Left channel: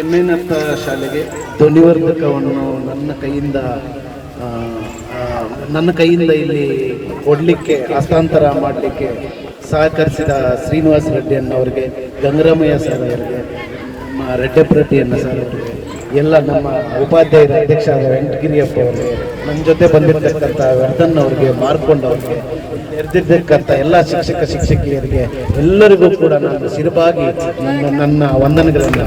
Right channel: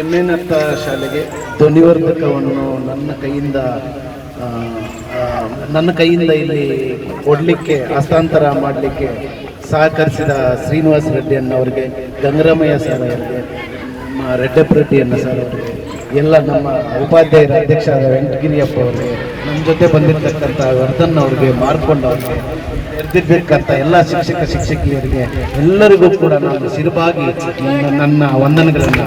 ಎಮ್ಮೆನತ್ತ ಶಾಲೆಗೆ ಧ್ವನಿವರ್ಧಕವನ್ನು ನನ್ನ ಕೈಯಿಂದ ನನ್ನ ಕೈಯಿಂದ ಇಲ್ಲಿ ಕೊಡಲಿಕ್ಕೆ, ಹಸ್ತಾಂತರ ಮಾಡಲಿಕ್ಕೆ ಸಹಕರಿಸಿದ ಶ್ರೀನಿವಾಸ ರೆಡ್ಡಿ ಅಣ್ಣವರಿಗೆ ಗಂಗರಾಮಯ್ಯ ಸರ್ ಅವರಿಗೆ ರೆಡ್ಡಪ್ಪ ಅಣ್ಣ ಸರ್ ಅವರಿಗೆ, ಎಲ್ಲ ನಮ್ಮ ಉಪಾಧ್ಯಾಯರ ಅಧ್ಯಕ್ಷ ಆದ ವೆಂಕಟಗಿರಿಯಪ್ಪ ಅವರಿಗೆ ನಮ್ಮ ಜೊತೆ ಬಂದಿರತಕ್ಕಂಥ ವರ್ಧನ್ ಅವ್ರಿಗೆ, ಮಾರ್ಕೊಂಡು ಅವ್ರಿಗೆ ನೆರೆದಿರ್ಬೇಕಂತ ಎಲ್ಲ ಶಿಕ್ಷಕ, ಶಿಕ್ಷಕಿಯರಿಗೆ ಎಲ್ಲರಿಗೂ ಕೂಡ ನಾನು ಸಿರುಬಾಗಿ ನನ್ನ ವಂದನೆಗಳನ್ನು